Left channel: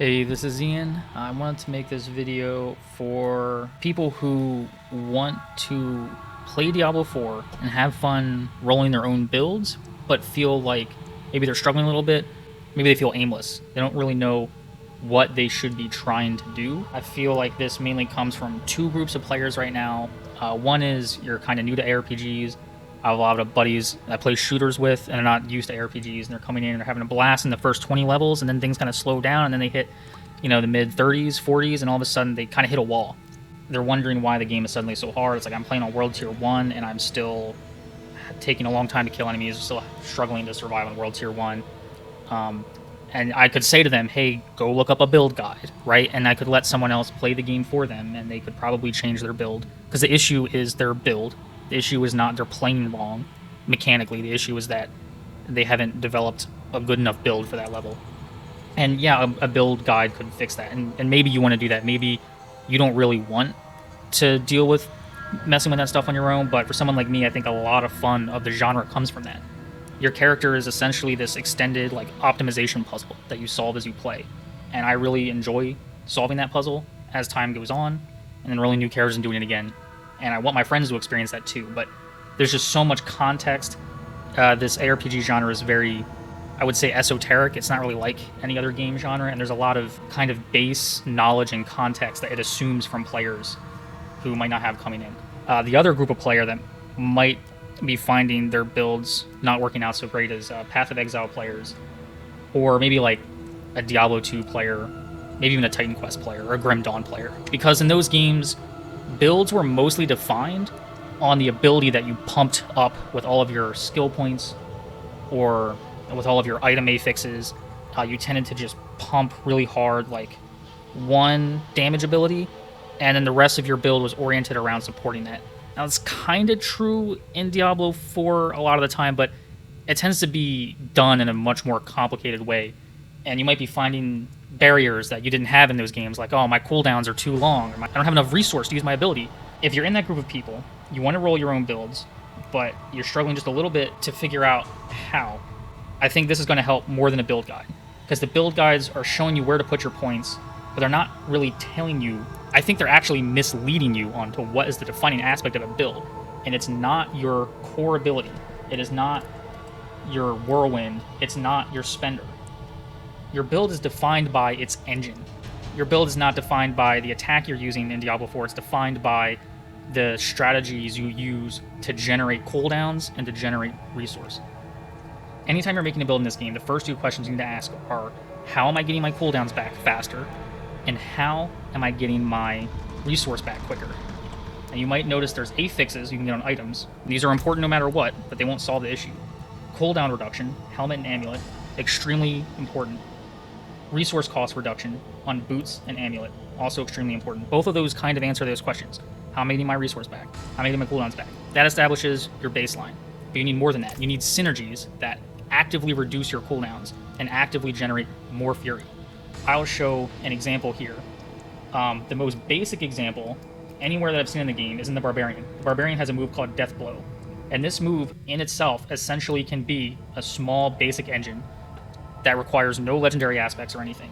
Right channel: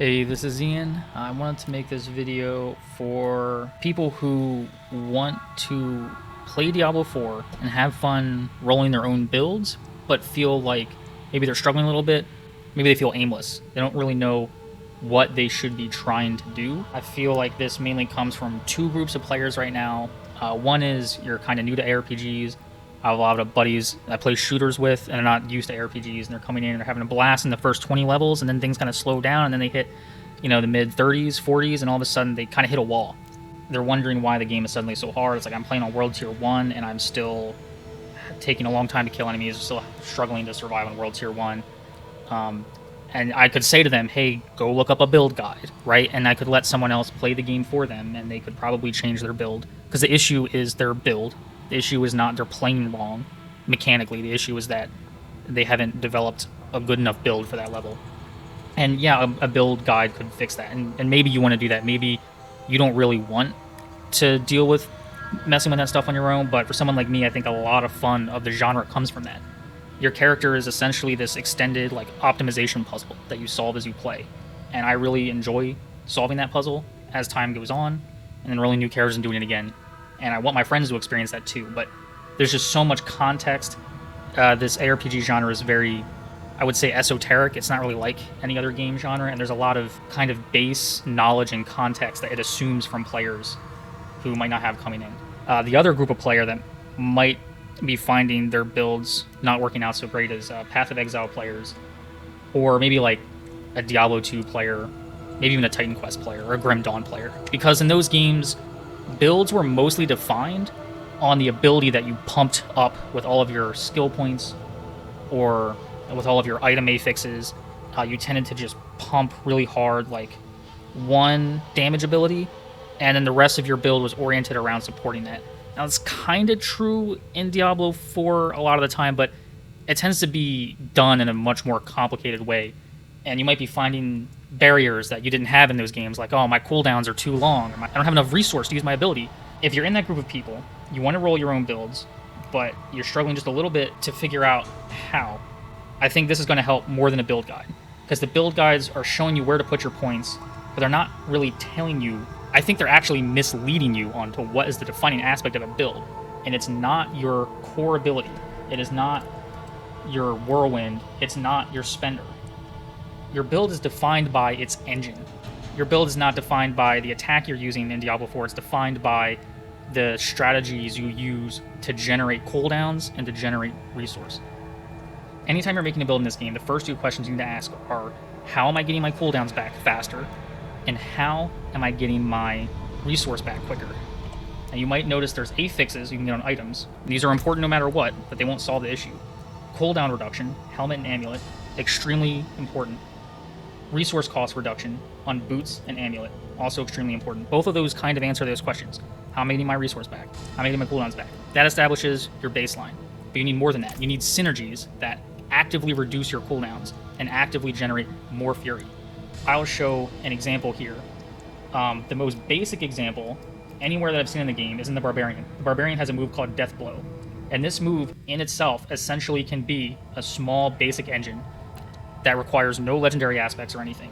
Hey, this is Ian. I wanted to make this video for people who want to play Diablo 4 and have fun rolling their own builds, but feel like maybe they're struggling a little bit. Maybe they feel aimless. They don't really know what they should be trying to do. I feel like this mainly comes from two groups of players right now. One is you're kind of new to ARPGs. I have a lot of buddies I play shooters with and are not used to RPGs. They're coming in and they're having a blast in the first 20 levels, and then things kind of slow down, and then they hit, the mid 30s, 40s, and all of a sudden they kind of hit a wall. They're wondering why the game is suddenly so hard. It's like I'm playing on World Tier 1, and I'm still taking a long time to kill enemies. I'm still struggling to survive on World Tier 1. And I could say to them, hey, go look up a build guide, right? And I could let someone else play the game for them, and they could probably change their build. Because the issue is their build. The issue is not they're playing wrong mechanically. The issue is that they haven't developed a good enough build for that level. And yeah, a build guide can fix that. And maybe you want to do that. Maybe you don't really want to deal with messing with that stuff on your own, but for someone like me, I think a lot of fun of the genre comes from that. Your character is essentially this extended optimization puzzle that you solve as you play. And I really enjoy solving that puzzle as time goes on, and then rolling new characters and doing it again. And I want my friends to experience that too, but there's just so much context. This ARPG genre is very, I would say, esoteric. It's not really like any other game genre, and there's a lot of kind of base knowledge and context that it assumes from players who might not have coming in. The other group of player that might be finding their builds not working out so great is Path of Exile players, or maybe like a Diablo 2 player, maybe even a Titan Quest player, or a Grim Dawn player. Because in those games, builds were mostly defined on the ability that you pumped up with all of your skill points or with all of your item affixes. You tended to just pump really hard, like one damage ability, and then the rest of your build was oriented around supporting it. Now, it's kind of true in Diablo 4 a lot of the time, but it tends to be done in a much more complicated way, and you might be finding barriers that you didn't have in those games, like, oh, my cooldowns are too long, or I don't have enough resource to use my ability. If you're in that group of people, you want to roll your own builds, but you're struggling just a little bit to figure out how, I think this is going to help more than a build guide. Because the build guides are showing you where to put your points, but they're not really telling you. I think they're actually misleading you onto what is the defining aspect of a build. And it's not your core ability. It is not your whirlwind. It's not your spender. Your build is defined by its engine. Your build is not defined by the attack you're using in Diablo 4. It's defined by the strategies you use to generate cooldowns and to generate resource. Anytime you're making a build in this game, the first two questions you need to ask are, how am I getting my cooldowns back faster? And how am I getting my resource back quicker? Now, you might notice there's affixes you can get on items. These are important no matter what, but they won't solve the issue. Cooldown reduction, helmet and amulet, extremely important. Resource cost reduction on boots and amulet, also extremely important. Both of those kind of answer those questions. How am I getting my resource back? How am I getting my cooldowns back? That establishes your baseline. But you need more than that. You need synergies that actively reduce your cooldowns and actively generate more fury. I'll show an example here. The most basic example anywhere that I've seen in the game is in the Barbarian. The Barbarian has a move called Death Blow. And this move in itself essentially can be a small basic engine that requires no legendary aspects or anything.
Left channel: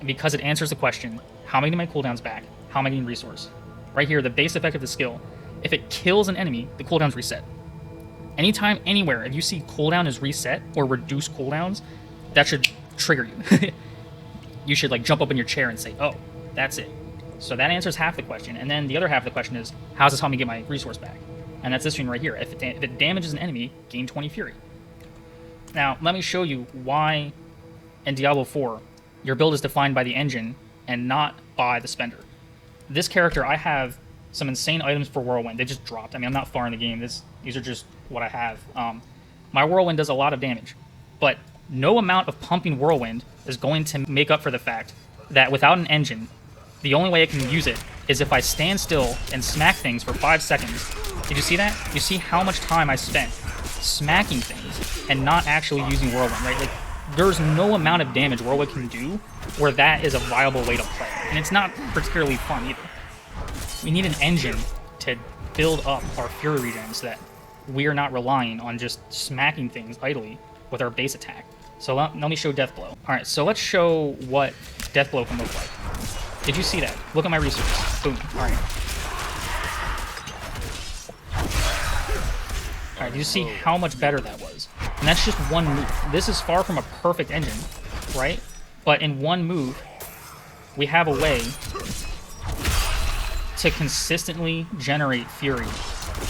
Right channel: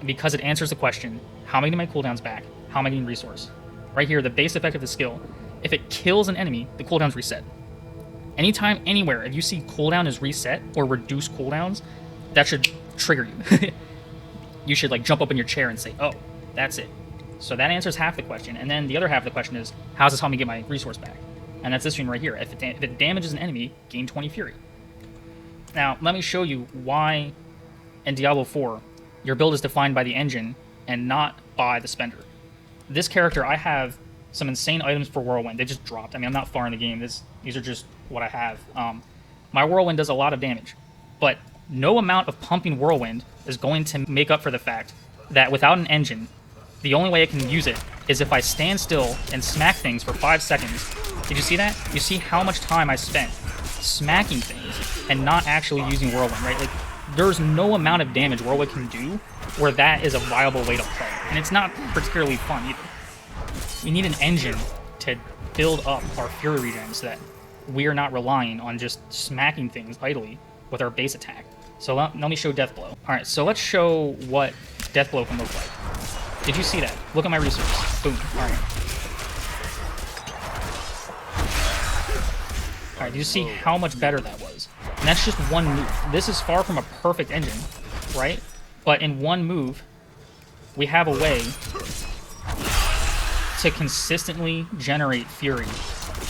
And because it answers the question, how am I getting my cooldowns back? How am I getting resource? Right here, the base effect of the skill, if it kills an enemy, the cooldown's reset. Anytime, anywhere, if you see cooldown is reset or reduce cooldowns, that should trigger you. You should jump up in your chair and say, oh, that's it. So that answers half the question. And then the other half of the question is, how does this help me get my resource back? And that's this one right here. If it damages an enemy, gain 20 fury. Now, let me show you why in Diablo 4 your build is defined by the engine and not by the spender. This character, I have some insane items for Whirlwind. They just dropped. I mean, I'm not far in the game. These are just what I have. My Whirlwind does a lot of damage, but no amount of pumping Whirlwind is going to make up for the fact that without an engine, the only way I can use it is if I stand still and smack things for 5 seconds. Did you see that? You see how much time I spent smacking things and not actually using Whirlwind. There's no amount of damage Whirlwind can do where that is a viable way to play. And it's not particularly fun either. You need an engine to build up our Fury Regions that we are not relying on just smacking things idly with our base attack. So let me show Deathblow. All right, so let's show what Deathblow can look like. Did you see that? Look at my resources. Boom. All right, do you see how much better that is? That's just one move. This is far from a perfect engine, right? But in one move, we have a way to consistently generate Fury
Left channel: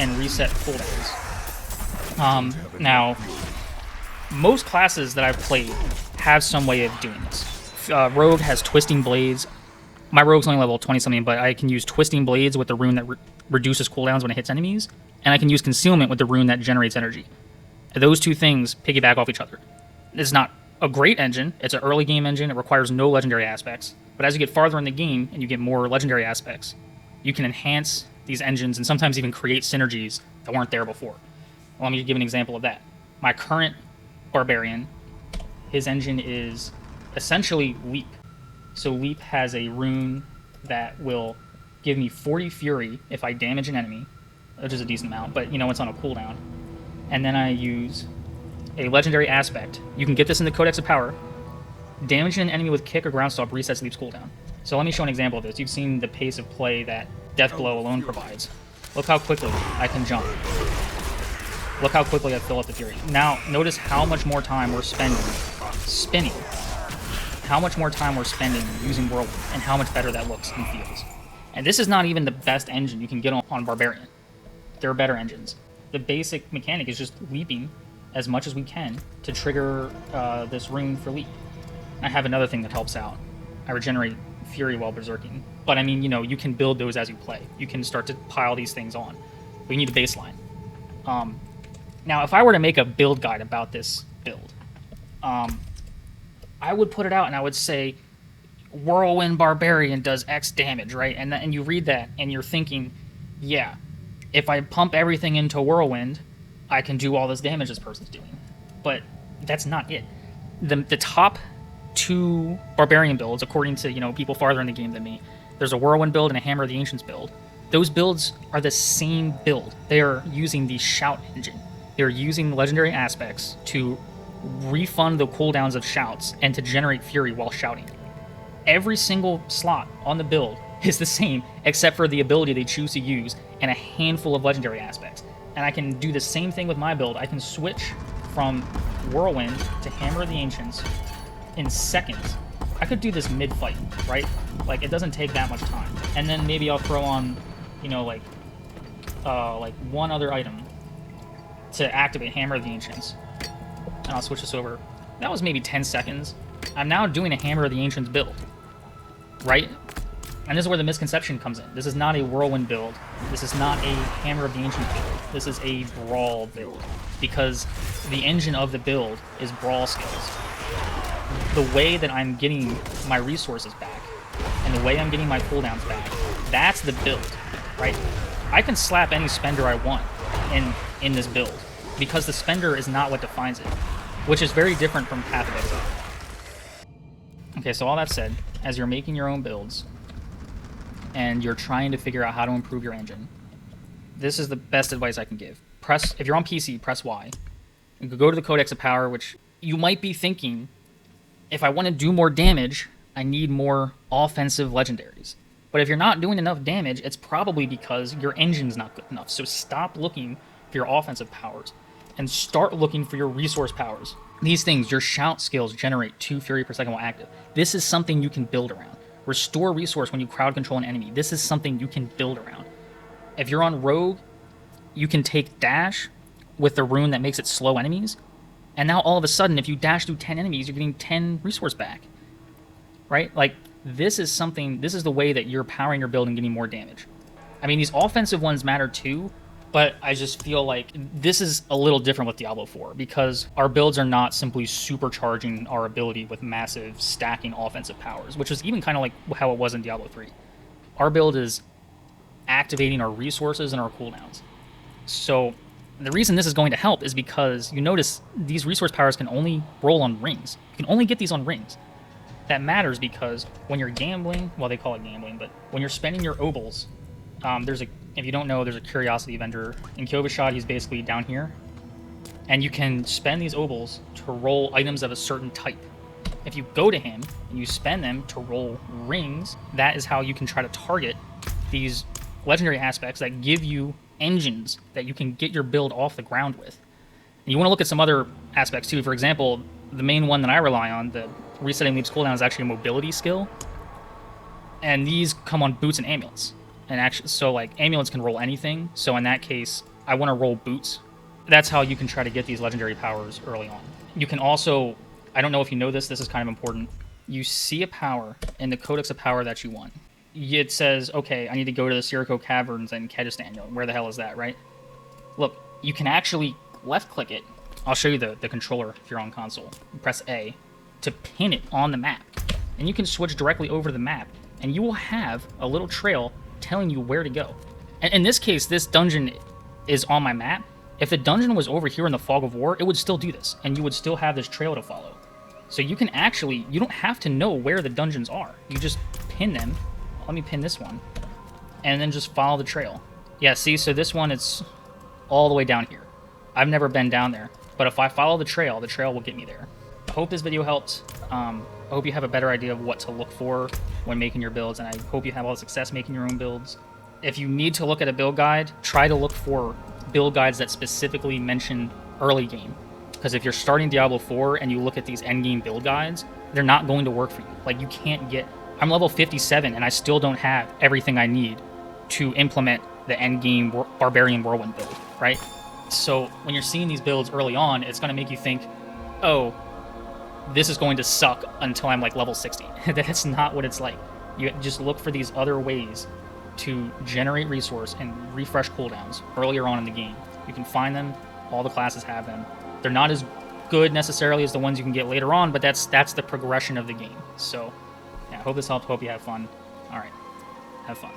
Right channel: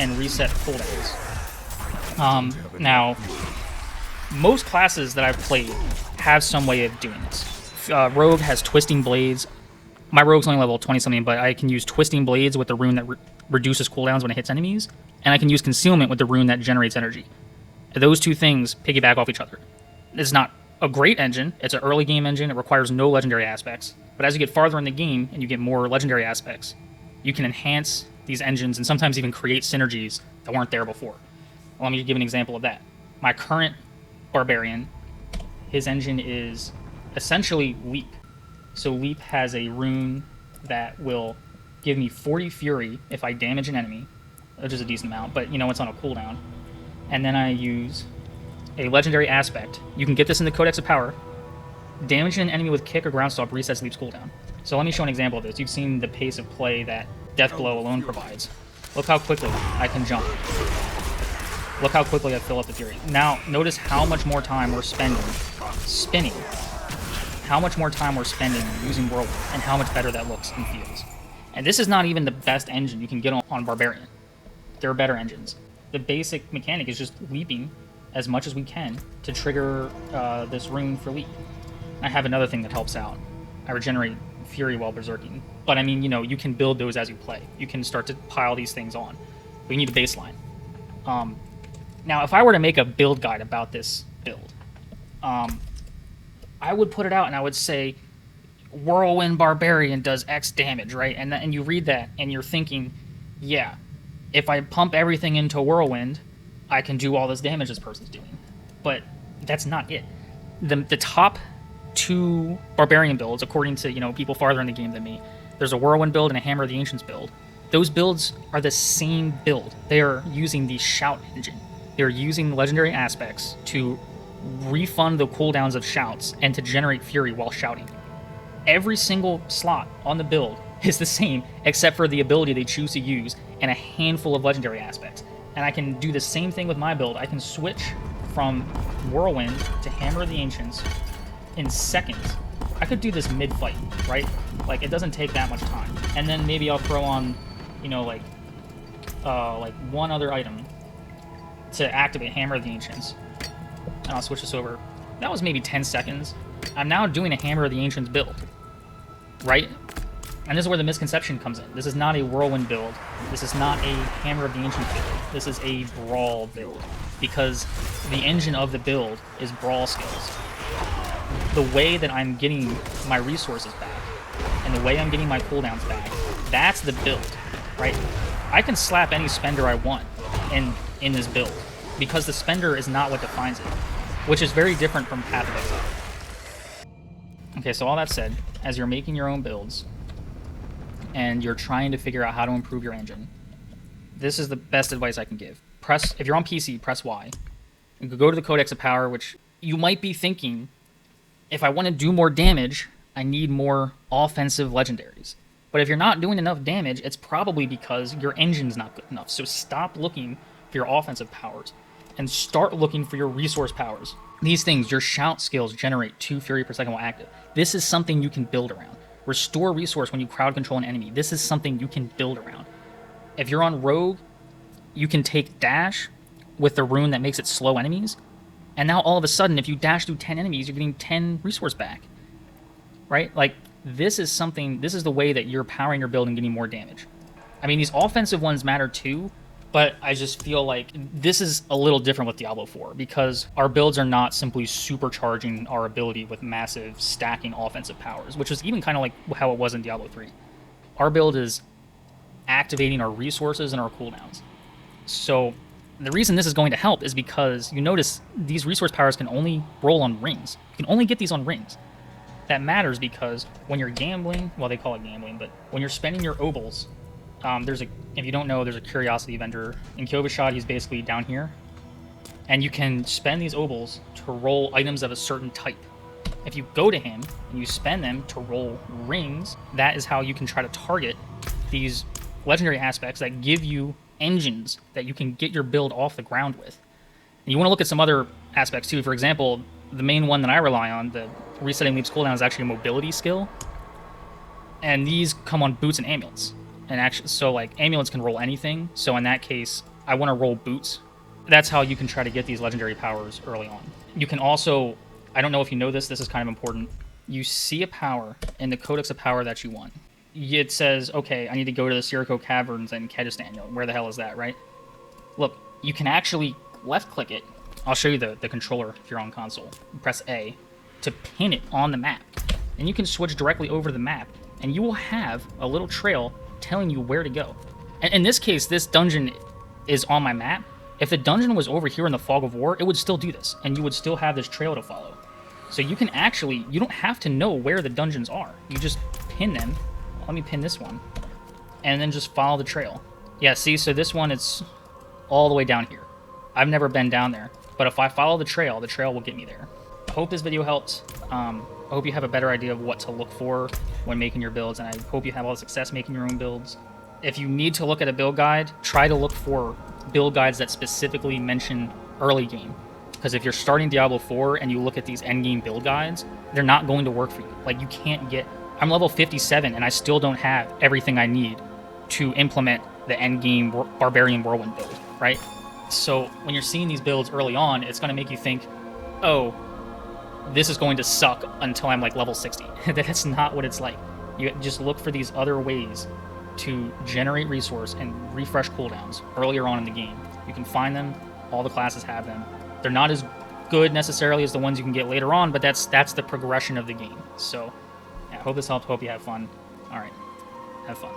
and reset cooldowns. Now, most classes that I've played have some way of doing this. Rogue has Twisting Blades. My Rogue's only level 20-something, but I can use Twisting Blades with the rune that reduces cooldowns when it hits enemies, and I can use Concealment with the rune that generates energy. Those two things piggyback off each other. It's not a great engine. It's an early game engine. It requires no legendary aspects. But as you get farther in the game and you get more legendary aspects, you can enhance these engines and sometimes even create synergies that weren't there before. Let me give an example of that. My current Barbarian, his engine is essentially Leap. So Leap has a rune that will give me 40 Fury if I damage an enemy, which is a decent amount, but you know it's on a cooldown. And then I use a legendary aspect. You can get this in the Codex of Power. Damaging an enemy with kick or ground stalk resets Leap's cooldown. So let me show an example of this. You've seen the pace of play that Deathblow alone provides. Look how quickly I can jump. Look how quickly I fill up the Fury. Now, notice how much more time we're spending spinning. How much more time we're spending using Whirlwind, and how much better that looks and feels. And this is not even the best engine you can get on Barbarian. There are better engines. The basic mechanic is just leaping as much as we can to trigger this rune for Leap. I have another thing that helps out. I regenerate Fury while berserking. But I mean, you know, you can build those as you play. You can start to pile these things on. But you need the baseline. Now, if I were to make a build guide about this build, I would put it out and I would say, Whirlwind Barbarian does X damage, right? And you read that and you're thinking, yeah, if I pump everything into Whirlwind, I can do all this damage this person's doing. But that's not it. The top two Barbarian builds, according to people farther in the game than me, there's a Whirlwind build and a Hammer of the Ancients build. Those builds are the same build. They are using the Shout engine. They're using legendary aspects to refund the cooldowns of shouts and to generate Fury while shouting. Every single slot on the build is the same, except for the ability they choose to use and a handful of legendary aspects. And I can do the same thing with my build. I can switch from Whirlwind to Hammer of the Ancients in seconds. I could do this mid-fight, right? Like, it doesn't take that much time. And then maybe I'll throw on, like one other item to activate Hammer of the Ancients. And I'll switch this over. That was maybe 10 seconds. I'm now doing a Hammer of the Ancients build, right? And this is where the misconception comes in. This is not a Whirlwind build. This is not a Hammer of the Ancients build. This is a Brawl build. Because the engine of the build is Brawl skills. The way that I'm getting my resources back, and the way I'm getting my cooldowns back, that's the build. Right? I can slap any spender I want in this build, because the spender is not what defines it, which is very different from Pathway. Okay, so all that said, as you're making your own builds, and you're trying to figure out how to improve your engine, this is the best advice I can give. If you're on PC, press Y. You can go to the Codex of Power, which you might be thinking, if I want to do more damage, I need more offensive legendaries. But if you're not doing enough damage, it's probably because your engine's not good enough. So stop looking for your offensive powers and start looking for your resource powers. These things, your shout skills generate 2 Fury per second while active. This is something you can build around. Restore resource when you crowd control an enemy. This is something you can build around. If you're on Rogue, you can take dash with the rune that makes it slow enemies. And now all of a sudden, if you dash through 10 enemies, you're getting 10 resource back. Right? Like, this is the way that you're powering your build and getting more damage. I mean, these offensive ones matter too, but I just feel like this is a little different with Diablo 4 because our builds are not simply supercharging our ability with massive stacking offensive powers, which was even kind of like how it was in Diablo 3. Our build is activating our resources and our cooldowns. So the reason this is going to help is because you notice these resource powers can only roll on rings. You can only get these on rings. That matters because when you're gambling, well, they call it gambling, but when you're spending your obols, if you don't know, there's a Curiosity vendor. In Kyovashad, he's basically down here. And you can spend these obols to roll items of a certain type. If you go to him and you spend them to roll rings, that is how you can try to target these legendary aspects that give you engines that you can get your build off the ground with. And you want to look at some other aspects too. For example, the main one that I rely on, the resetting Leap's cooldown, is actually a mobility skill. And these come on boots and amulets. And actually, so like amulets can roll anything. So in that case, I want to roll boots. That's how you can try to get these legendary powers early on. You can also, I don't know if you know this is kind of important. You see a power in the codex of power that you want. It says, okay, I need to go to the Sirico Caverns and Kedistan. Where the hell is that, right? Look, you can actually left-click it. I'll show you the controller if you're on console. You press A to pin it on the map. And you can switch directly over the map, and you will have a little trail telling you where to go. In this case, this dungeon is on my map. If the dungeon was over here in the Fog of War, it would still do this, and you would still have this trail to follow. So you can actually, you don't have to know where the dungeons are. You just pin them. Let me pin this one. And then just follow the trail. Yeah, see, so this one is all the way down here. I've never been down there, but if I follow the trail will get me there. I hope this video helped. I hope you have a better idea of what to look for when making your builds, and I hope you have all the success making your own builds. If you need to look at a build guide, try to look for build guides that specifically mention early game. Because if you're starting Diablo 4 and you look at these endgame build guides, they're not going to work for you. Like, you can't get... I'm level 57 and I still don't have everything I need to implement the endgame Barbarian Whirlwind build, right? So when you're seeing these builds early on, it's going to make you think, oh, this is going to suck until I'm like level 60. That's not what it's like. You just look for these other ways to generate resource and refresh cooldowns earlier on in the game. You can find them, all the classes have them. They're not as good necessarily as the ones you can get later on, but that's the progression of the game. So, yeah, hope this helps. Hope you have fun. Alright, have fun.